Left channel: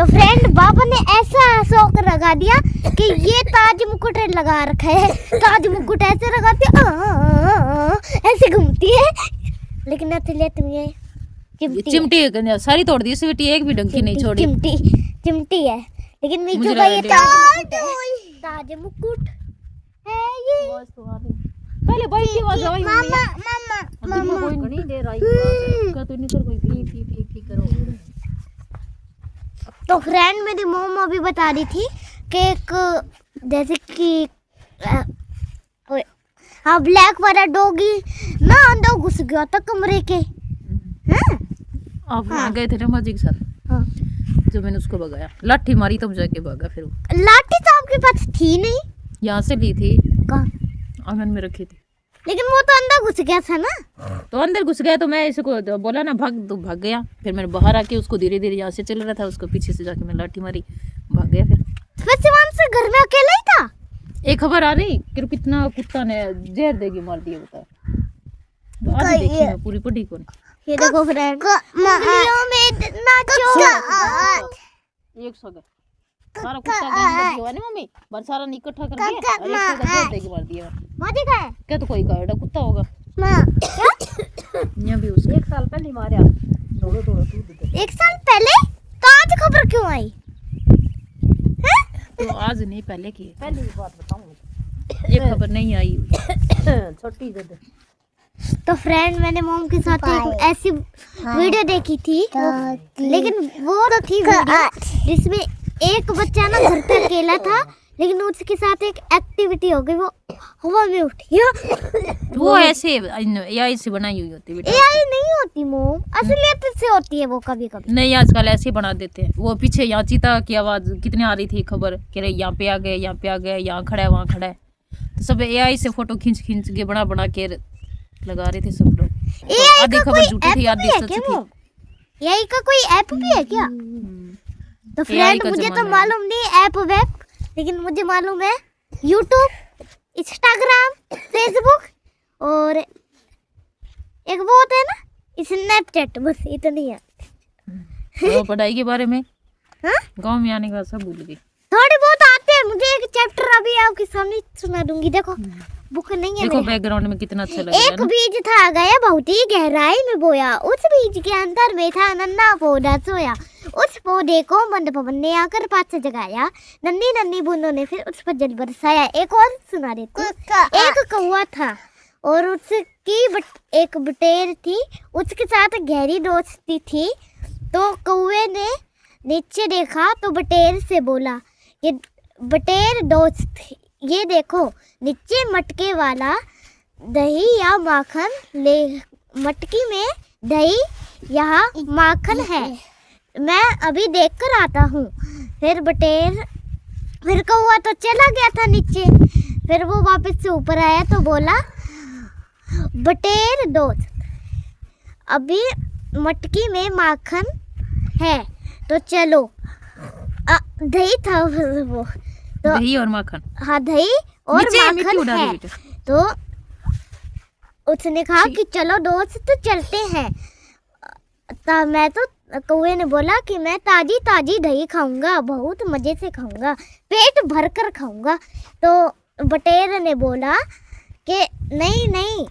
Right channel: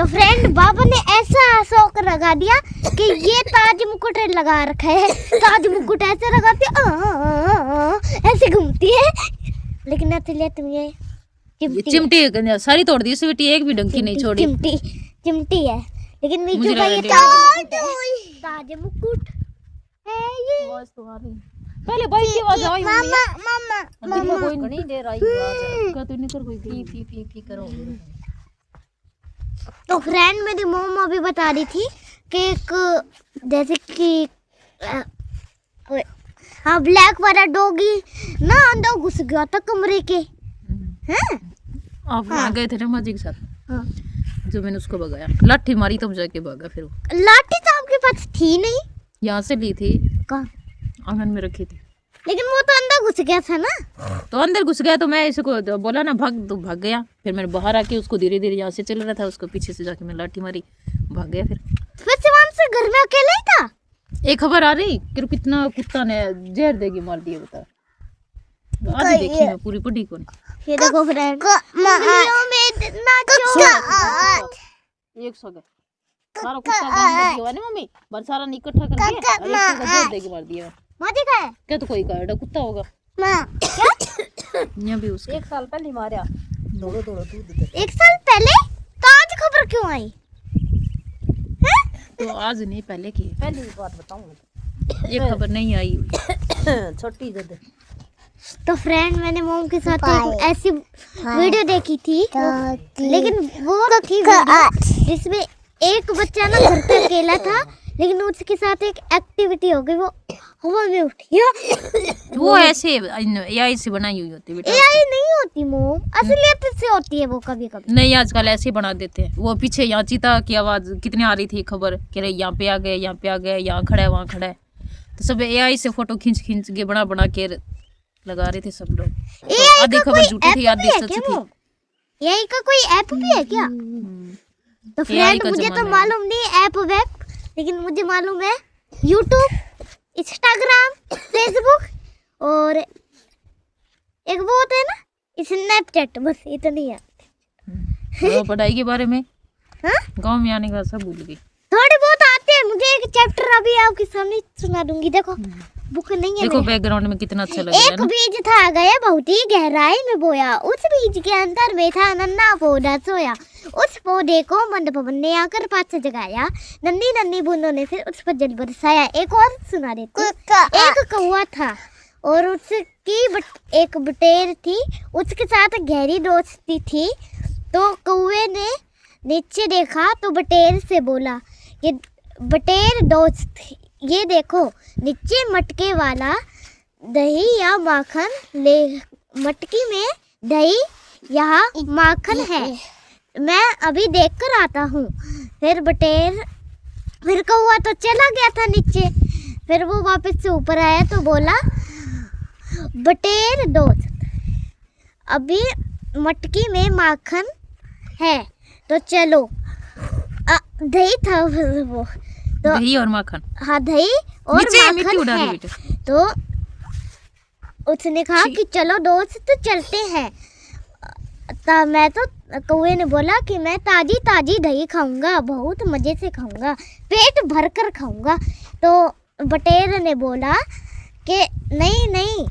तो फ्रेंड बाबा ने ऐसा शौक लगा दिया कि ये ताज मुकुट लगा रखा है। ताज मुकुट ऐसे लगाती ऐसे घूमती है, लेकिन असलियत में ये चिमटी सारी तोड़ दी बेटी, एक भी डंकी नहीं छोड़ी। चिमटी है, लेकिन नीचे मुझे का लगा ये ताज मुकुट है ये। आवाज तो आ रही, पहले भाई की आवाज आई मम्मी। मामा कोई नहीं दे रहा है का, तो नहीं कर कोई पी करो। तो फ्रेंड मेरी मॉम अभी बता रही थी कि एक जैसे कि हाँ ब्लैक वाला डॉगी ना अंदर घुस गया था कमरे के। हैं आप वहाँ गए थे ना माजी के साथ? हाँ। जो मैंने उसको भगाया, लाठी मारी तब जाके भागा। फिर वो लाठी तो आपके पास थी नहीं। यहाँ से ली थी, कहाँ? आंगन में रखी थी। लेकिन वो तो अंदर घुस गया था ना। तो अंदर घुस गया तो मैं इसको तो बोला ना भाग, तो भाग गया। फिर मैंने बाहर आके उसको धीरे धीरे यहाँ से चल रहा था, उसको पीछे से जाके मैं लाठी मारी, भाग गया। फिर शिवान से घर में अकेला ही था। एक खबर आ रही कि कितना कुत्ता ने जहर देगी मार दिया, बता। आधी देखी मैं, पूरी पढ़ी को नहीं। ये देखो फ्रेंड एक सौ का सारा कुत्ता काम कर दिया ना मम्मी, बस सारा इकट्ठा करके और एक जगह जहर देके मार दिया। माजी का है क्या तो कोई का कुत्ता होगा क्या? यहाँ भी उसके 1 साल पहले मारा। दौड़ो दौड़ो तू दिखे। 1 साल पहले? तो आज खबर क्यों आई? तो आज नहीं, पहले की पहली बात बताऊं, ये खबर नहीं आई हुई। छोटी जद तो फ्रेंड मैंने मॉम के साथ एक ऐसी वीडियो देखी थी, लेकिन वो थी वीडियो जिसमें एक बच्चा ना घर पे अकेला था, लेकिन उसके साथ एक एक्टिविटी हो गई, वो हवा में उठ गया। वो ऐसे एआई से बनाई हुई होती है बेटा। एआई नहीं होती मॉम, असलियत से होती है वो कभी कभी। नहीं, आजकल ऐसे ही बना देते हैं। वो पीछे यहाँ चीता की आवाज कितनी आ रही थी खबर कि यहाँ पे आ गए, यहाँ पे आ गए, यहाँ खड़ा है, वहाँ खड़ा है। तो सब एआई से फोटो खींच खींच के बना के लगा रहे थे सब लोग। तो आधी खबर झूठी थी, आधी सच थी। एआई का कोई ऐप भी है क्या? तो फ्रेंड मुझे तो मालूम नहीं ऐप वेब, लेकिन मुझे मालूम है यूट्यूब, इंस्टाग्राम, फेसबुक और एक वो होता है ना स्नैपचैट, बस इतनी है। तो पढ़ाई के बारे में हाँ? गांव में आने के बाद सब भूल गई। थोड़े बहुत आते हैं, मुझे एक चैप्टर अभी आपके सामने सुना दूंगी। देखो बुक नहीं है। देखो बैकग्राउंड में कितना अच्छा लग रहा है एक बीज था गए बहुत ही गहराई में बोया, उस बीज के अंदर बैठा नन्ना पौधा सोया, उस पौधे को मंद पवन ने आकर पास जगाया, नन्ही नन्ही बूंदों ने फिर उस पर जल बरसाया। एक और सुना देते। एक कौवा था और उसकी एक बटेर थी, उसके साथ गहरी दोस्ती थी। तो कौवे ने नीचे देखा तो बटेर से बोला, ये बटेर दोस्त ये देखो नीचे मटके वाला दही या माखन ले, मटकी में दही या माखन है, मैं अभी देख कर आता हूँ। फिर कौवा तो चला गया था नीचे। फिर वो वापस से ऊपर आया तो बोला, बटेर दोस्त अभी मटकी में माखन है तो चलो। दही था वो तो, दही और माखन। हाँ दही और माखन है। तो उसने कहा कि चलो दोस्त चलते हैं। तब मैं तो कौवे ने बोला कि मैं ताजी ताजी दही खाऊंगा, बहुत मजे से खाऊंगा, पेट भर कर खाऊंगा। तो बटेर ने बोला कि नहीं नहीं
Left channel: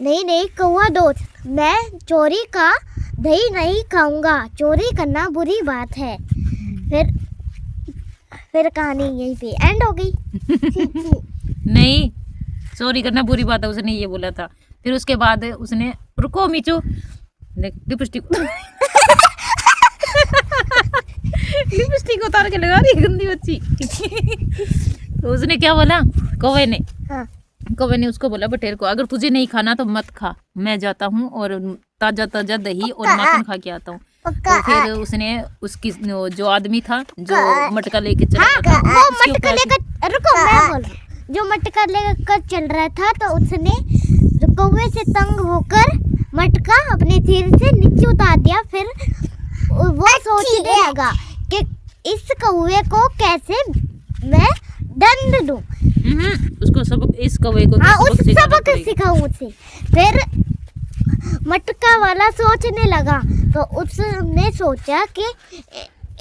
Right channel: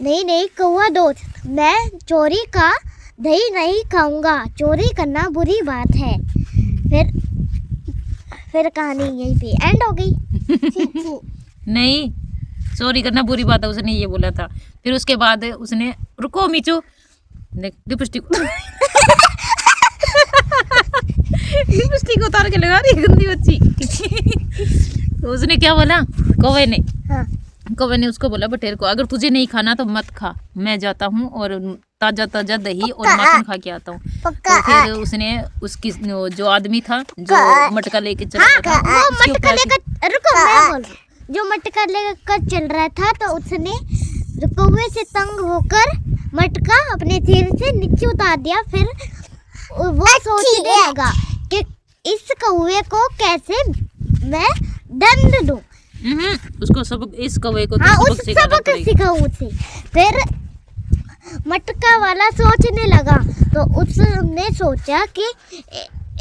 नहीं नहीं कौवा दोस्त, मैं चोरी का दही नहीं खाऊंगा, चोरी करना बुरी बात है। फिर कहानी यहीं पे एंड हो गई। नहीं, चोरी करना बुरी बात है, उसने ये बोला था। फिर उसके बाद उसने, रुको मीचू, लिपस्टिक लिपस्टिक उतार के लगा रही गंदी बच्ची। तो उसने क्या बोला कौवे ने? हाँ। कौवे ने उसको बोला बटेर को, अगर तुझे नहीं खाना तो मत खा, मैं जाता हूँ और ताजा ताजा दही और माखन खा के आता हूँ। तो फिर उसने उसकी जो आदमी था जो मटका लेके चल रहा था, वो मटका लेकर, रुको मैं बोल, जो मटका लेकर चल रहा था, तो उसने कौवे से तंग होकर मटका अपने सिर से नीचे उतार दिया। फिर वो सोचने लगा कि इस कौवे को कैसे मैं दंड दूं। उसको सबक, इस कौवे को हाँ, उस सबक सिखाऊं उसे। फिर मटका वाला सोचने लगा, तो उसने सोचा कि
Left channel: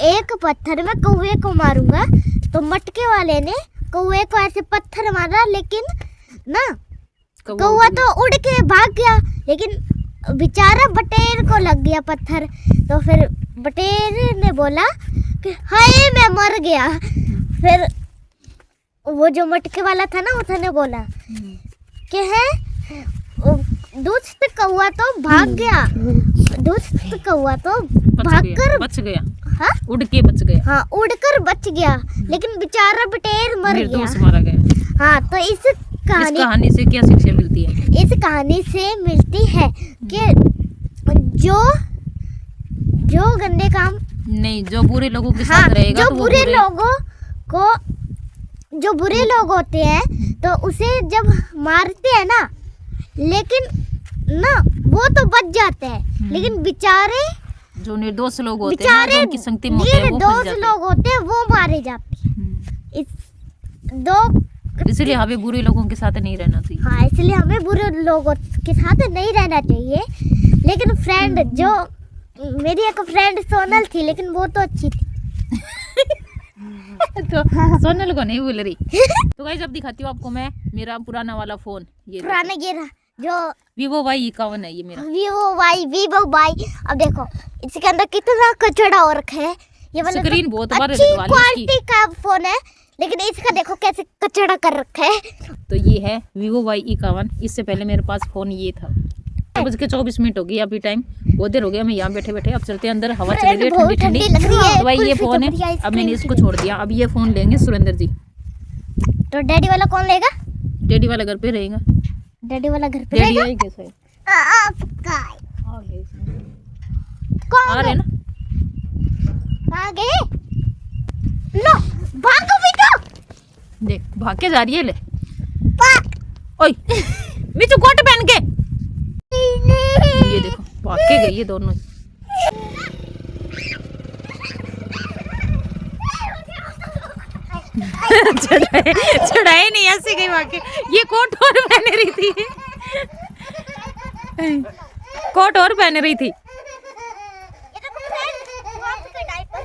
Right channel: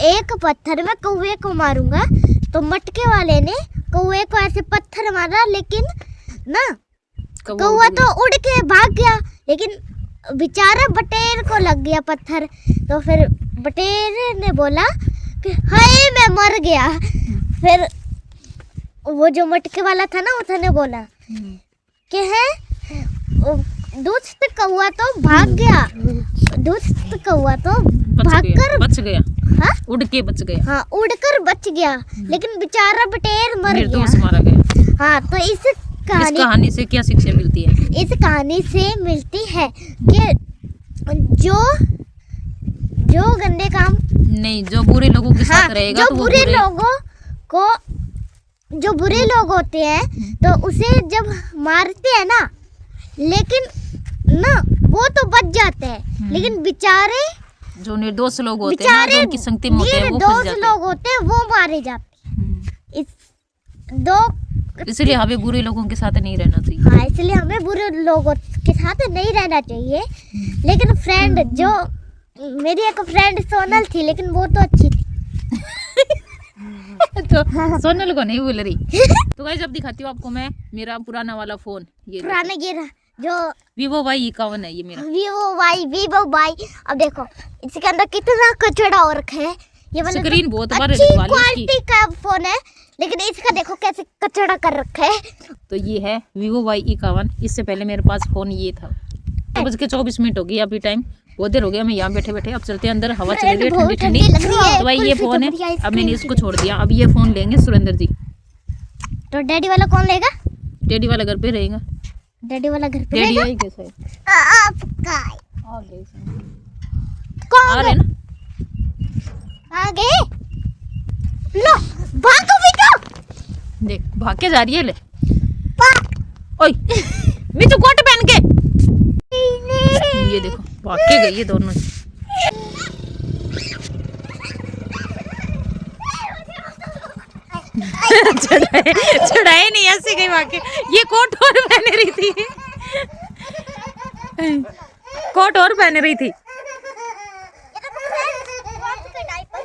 एक पत्थर में कौवे को मारूंगा। तो मटके वाले ने कौवे को ऐसे पत्थर मारा, लेकिन ना कौवा तो उड़ के भाग गया, लेकिन बेचारा बटेर को लग गया पत्थर। तो फिर बटेर ने बोला कि हाय मैं मर गया। फिर वो जो मटके वाला था ना, उसने बोला कि है दुष्ट कौवा तो भाग गया, दुष्ट कौवा तो भागकर बच गया, हाँ उड़ के बच गया, हाँ उड़कर बच गया, लेकिन बेचारा बटेर मर निर्दोष गया। मारा गया। हाँ, तो इस इस कहानी से क्या शिक्षा मिलती है? इस कहानी से मिलती है कि जो गंदे काम, नहीं, जो बुरे लोगों के हाँ, साथ रहेगा जो तो वो बुरे लोगों को, जो बुरे लोग होते हैं तो उसे जब मारते हैं ना, लेकिन ना वो तो बच जाते हैं, लेकिन बेचारे जो निर्दोष लोग होते हैं, जो उनकी संगति में होते हैं, वो फंस निर्दोष जाते लोग होते हैं, वो मारे जाते हैं। हैं। इस दो इसलिए हमें बुरे लोगों के साथ नहीं रहना चाहिए। हाँ, इसलिए हमें बुरे लोगों के साथ नहीं रहना चाहिए। लेकिन फ्रेंड, जो मेरी एक फ्रेंड सोनल थी, लेकिन वो तो अच्छी थी। तो सोनल को नहीं बोल रही। तो गाइस अब दिखाती हूँ आपको मैं मेरा पुराना वाला फोन। ये पुराने ये जो Vivo Y51 है ये मेरा। Vivo Y. अब देखो इसके अंदर कितना कचरा और रखा है। ये मतलब स्क्रीन बहुत बार अच्छी हटवा ली इसकी। क्वालिटी का फोन है, लेकिन इसका देखो कैसे कचरा कर रखा है। तो ये है Vivo Y51। इससे पहले मेरे पास फोन ये था। 9:24 हो गई अभी टाइम, बहुत देर हो गया मैं यहाँ बैठे बैठे। अब चलते हैं अंदर, हवा चल रही है ठंडी ठंडी। लग रही है। तो भाई ये कुल्फी फोन है, तो बढ़िया अब मैंने इसको छोड़ दिया। अब ये फोन लेंगे सुरेंद्र जी। तो डैडी वाला कौन लेगा? डैडी वाला घर पे रहेगा। डैडी वाला घर पे डैडी रहेगा? आई कैसा है? आपका आ गए कौन आ रहे ना। आ गए? लो भागो बेटा। देख भाग के जा रही है। ले ओए मिठू कोट पहन के। ये देखो भाग के गई है दोनों। चढ़ाए नहीं, ऐसे गई भाग के। ये कोट और पहन रही थी, कोट और पहन रही थी। ये देखो फ्रेंड, वापस के डायपर।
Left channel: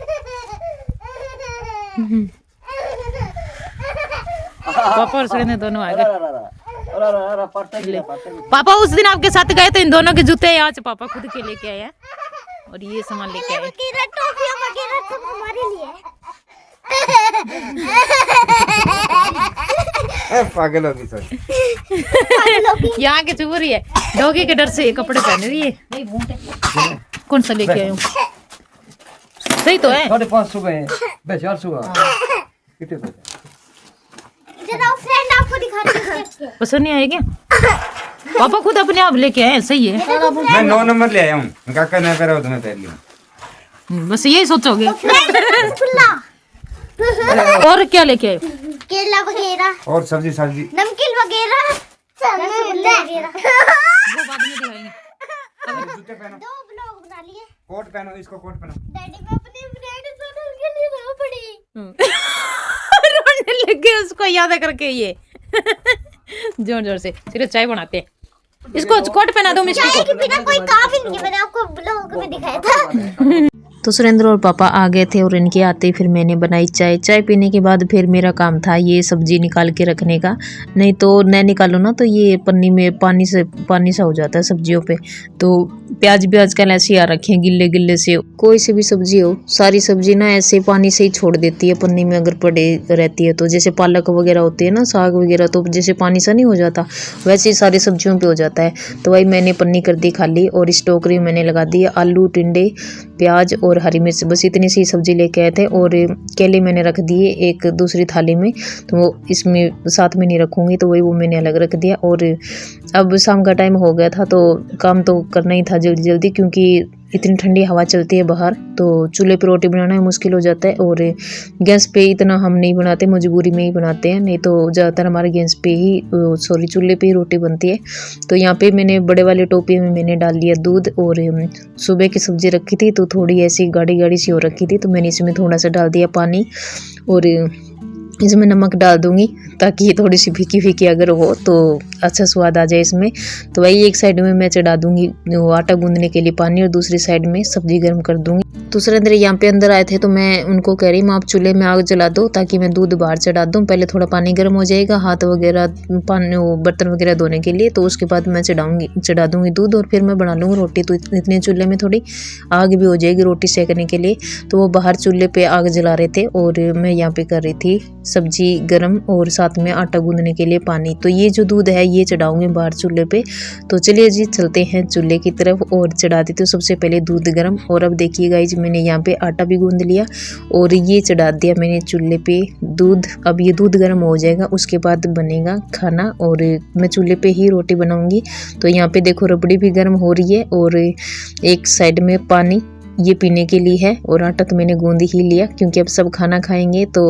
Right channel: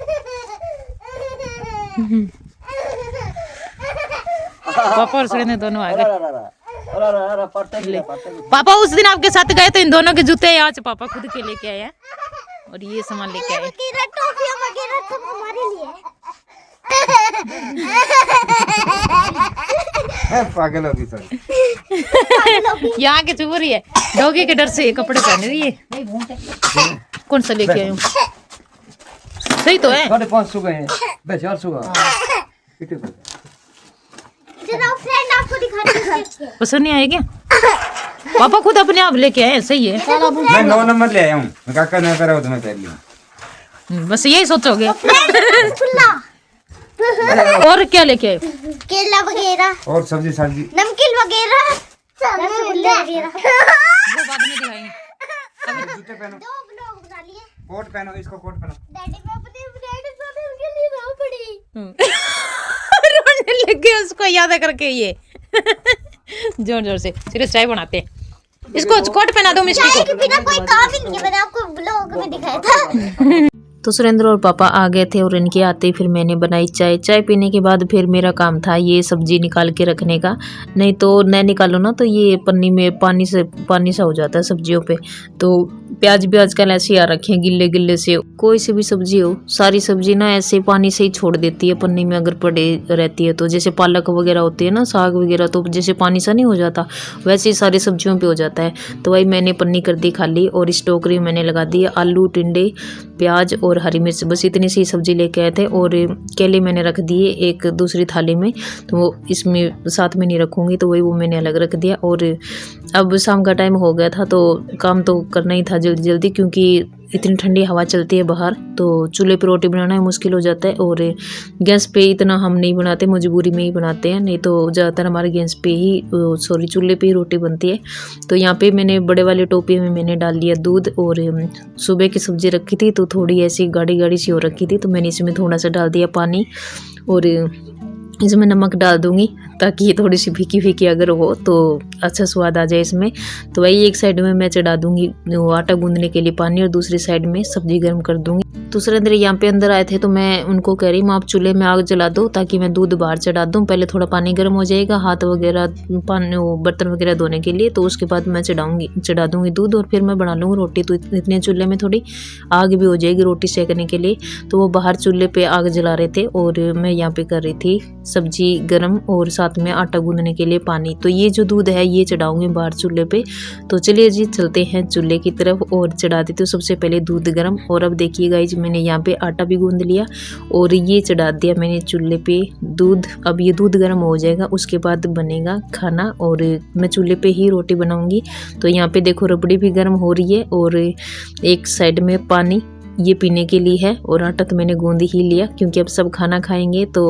पापा और सुरेंद्र दोनों आ गए। ले पापा उस दिन आपके साथ गए तो इन दोनों के जूते आज पापा खुद के लेके आए हैं, और ये सामान लेके आए। वगैरह टॉफियां वगैरह सब हमारे लिए है। पागल होगी सर। यहाँ के चुप रही है, डॉगी के डर से ये कपड़े पहन रही है। कौन सा लेके आए हो? सही तो है। 550 गए हैं, 400 कितने? जरा फ्रेंड आपको दिखा रही हूं। पसंद नहीं आएगा? पापा खुद अपने आप लेके आए, सही है। मैं 9 नंबर ले आया हूँ, काका ने करा हो तो मैं पहन लिया। बस यही सोचोगे। खुला और क्या लेके आए? केला वगैरह और सब्जी सब्जी नमकीन वगैरह वो बाद में दिखाएंगे। जूते पहनो, दो ब्लॉग बना लिए। कोट पहनो, इसको कोट पहनो। डैडी मैं अपने फ्रेंड सोनल के लिए रो पड़ी। रोने लग गए उसको याद करके। ये जोर जोर से सिर्फ चाय बनाते हैं। इसको कोट पहना दो मिस्टी चाय को। के बिना कोई काम ही नहीं है, मैंने आपको ब्लॉग में दिखाया था। तो सुरेंद्र और पापा आ गए थे और इनके आते ही फिर मैंने बनाई चाय। चाय पीने के बाद फिर मेरा काम था ये सब्जी निकाल के रखने का, नहीं तो न निकालो ना तो ये पन्नी में पानी सा हो जाता है सब्जियों पे। तो प्याज भी आजकल ऐसे आ रखे हैं गिल्ले गिल्ले से। कोई सी भी सब्जी हो, सारी सब्जी ना ऐसे पानी से ही छोड़ देती है पन्नी में अगर पड़े रहती है तो। जैसे पालक वगैरह होती है ना, साग वगैरह, तो जैसे पानी सा नहीं हो जाता वैसे ही सारी सब्जियों पे हो जाता है। तो वही मैंने पन्नी कर दी खाली, और इस टोकरी में मैंने लगा दी आलू, टिंडे, प्याज और हरी मिर्च। बस इतनी सी सब्जी लेके आए थे, और केले मैंने रख दिए एक दूसरी थाली में, तो वो इसमें साथ में नहीं रखूँगी तो वही वो मैंने अलग रख दिया। और अब शाम का टाइम हो गया था तो काम तो करना ही था जल्दी जल्दी, क्योंकि इतनी ठंडी हवा चलती है बाहर, तो चूल्हे पे रोटी बनाना ही मुश्किल हो जाता है। और गैस पे इतना हम नहीं बनाते, मजबूरी में ही बनाते हैं, नहीं तो ज़्यादातर हमारे गैस पे ही चूल्हे पे ही रोटी बनती है। तो यहाँ पे मैंने बड़े वाले टोपी में मैंने डाल लिया दूध, और सुबह की सब्ज़ी रखी थी तो थोड़ी ऐसी गाढ़ी गाढ़ी सी हो रखी थी, तो मैंने इसमें थोड़ा सा डाल दिया पानी। और इसमें नमक डाल दूंगी ताकि ये थोड़ी सी फीकी फीकी अगर हो तो अच्छा स्वाद आ जाए इसमें। तो वही एक साइड में मैं चढ़ा दूंगी वो आटा गूंदने के लिए पानी, और दूसरी साइड में सब्जी गर्म कर दूंगी। दूसरे अंदर यहाँ पे अंदर आए थे तो मैं उनको कह रही हूँ आप चूल्हे में आग जला दो ताकि मैं दूध बाहर चढ़ा दूँ। पहले थोड़ा पानी गर्म हो जाएगा हाथ वगैरह पानी वो बर्तन वगैरह धोने के लिए, तो उसके बाद मैं चढ़ा दूंगी दूध और फिर मैं बना लूँगी रोटी। तो इतने चूल्हे में थोड़ी आग भी हो जाएगी रोटी सेकने के लिए। तो वो बाहर चूल्हे पे आग जला रहे थे और मैं यहाँ पे कर रही थी सब्जी गरम और साथ में आटा गूंदने के लिए पानी। तो ये जो दूध है ये चढ़ाऊंगी बाहर चूल्हे पे। तो चलिए जी चलते हैं चूल्हे की तरफ और चढ़ा देती हूँ सबसे पहले दूध गरम। और अब देखिए गाइस मैंने यहाँ पे आटा भी गूंद लिया और ये चढ़ा दिया मैंने चूल्हे पे दूध। अब ये दूध गर्म हो जाएगा उसके बाद बनेगा खाना और मैं चूल्हे पे ही रोटी बनाऊंगी। तो यहाँ पे देखो रबड़ी भी गर्म हो रही है और एक साइड में पानी ये पीने के लिए है, और आटा तो मैंने गूंद ही लिया क्योंकि अब सब खाना खाएंगे तो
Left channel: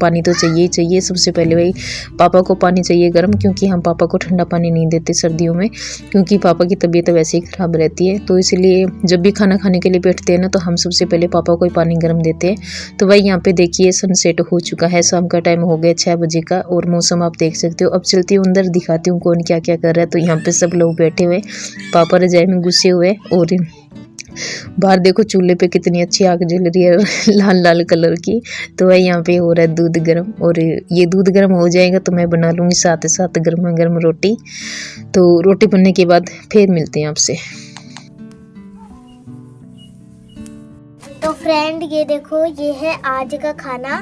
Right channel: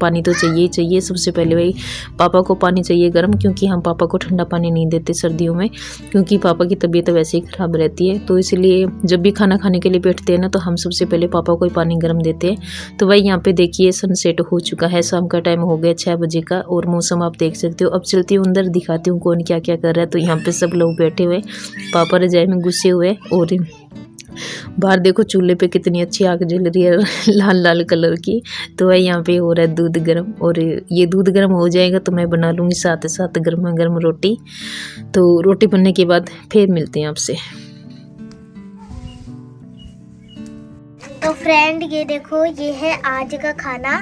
पानी तो चाहिए ही चाहिए। सबसे पहले भाई पापा को पानी चाहिए गर्म, क्योंकि हम पापा को ठंडा पानी नहीं देते सर्दियों में, क्योंकि पापा की तबीयत वैसे ही ख़राब रहती है। तो इसलिए जब भी खाना खाने के लिए बैठते हैं ना तो हम सबसे पहले पापा को ही पानी गर्म देते हैं। तो भाई यहाँ पे देखिए सनसेट हो चुका है, शाम का टाइम हो गया 6 बजे का, और मौसम आप देख सकते हो। अब चलती हूँ अंदर दिखाती हूँ कौन क्या क्या कर रहा है। तो यहाँ पे सब लोग बैठे हुए, पापा रजाई में घुसे हुए, और बाहर देखो चूल्हे पे कितनी अच्छी आग जल रही है लाल लाल कलर की। तो वही यहाँ पे हो रहा है दूध गर्म, और ये दूध गर्म हो जाएगा तो मैं बना लूँगी साथ साथ गर्मा गर्म रोटी। तो रोटी बनने के बाद फिर मिलते हैं आपसे। तो फ्रेंड ये देखो ये है आज का खाना,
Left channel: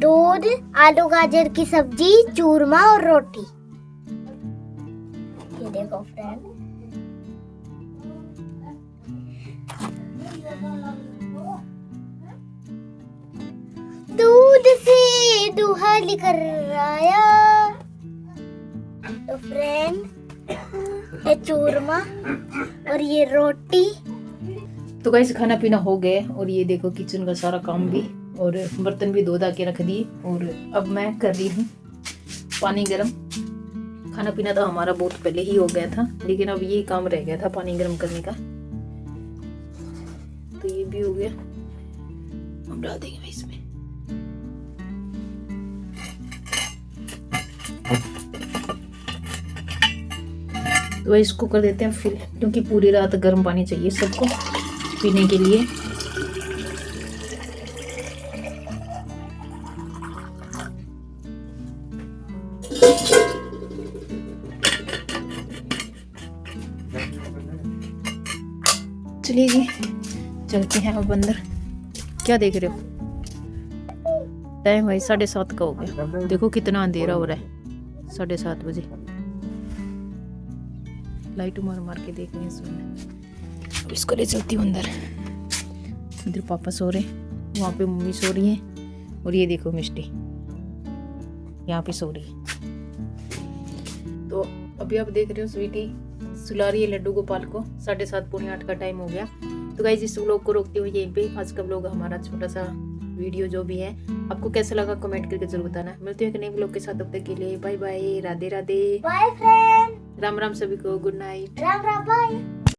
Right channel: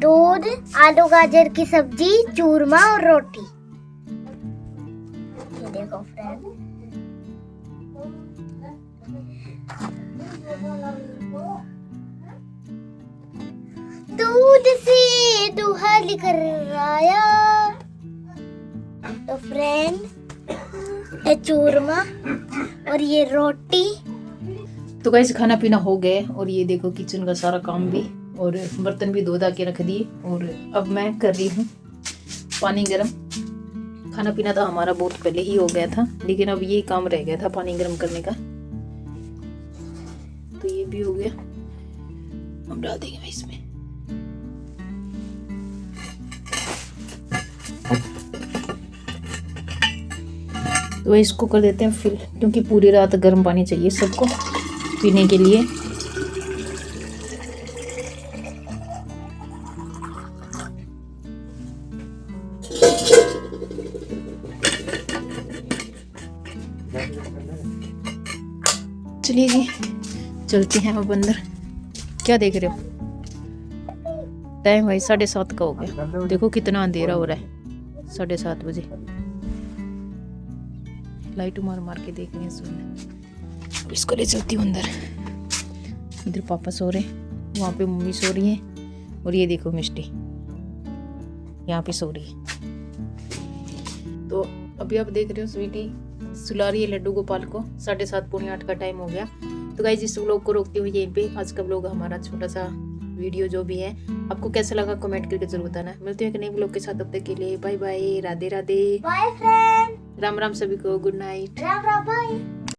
दूध, आलू गाजर की सब्जी, चूरमा और रोटी। ये देखो फ्रेंड, दूध से दूल्हा लेकर आया। तो फ्रेंड ये चूरमा और ये रोटी। तो गाइस खाना पीना हो गए और ये देखो किचन का सारा काम भी और बर्तन भी धो धा के रख दिए, और अब मैं कर रही हूँ पानी गर्म। खाना पीना तो हमारा बहुत पहले ही हो गया था, लेकिन अब ये काम रह गया था पानी गर्म करने का। तो ये भी हो गया, हम डाल देंगे इसमें। तो इसको कर देते हैं फिल, क्योंकि पूरी रात गर्म पानी चाहिए सबको पीने के लिए। चलिए जी चलते हैं अब अंदर। क्या देख रहे हो? टाइम भाई 7:30 का हो गया, देखो कितना अंधेरा हो रहा है। 7:30 बजे लाइट मार मार के देख रहे हैं। अब इसको ले चलती हूँ अंदर। इधर पापा सो रहे हैं, वहाँ पे मम्मी सो रही है, और ये देखो मिष्टी यहाँ पे सो रही है। तो अभी आप देख रहे हो स्वीटी सुला रही है लड्डू गोपाल को। 7:30 पौने 8 का टाइम हो गया। तो गाइस इस व्लॉग को रोकते हुए यहीं पे आज का व्लॉग हमारा छोटा सा वीडियो जो भी है आपको कैसा लगा कमेंट करके जरूर बताना। मिलते हैं एक नए व्लॉग के साथ, तब तक के लिए bye bye, Radhe Radhe, bye friend, Ram Ram सभी को, good night, Ram Ram, bye.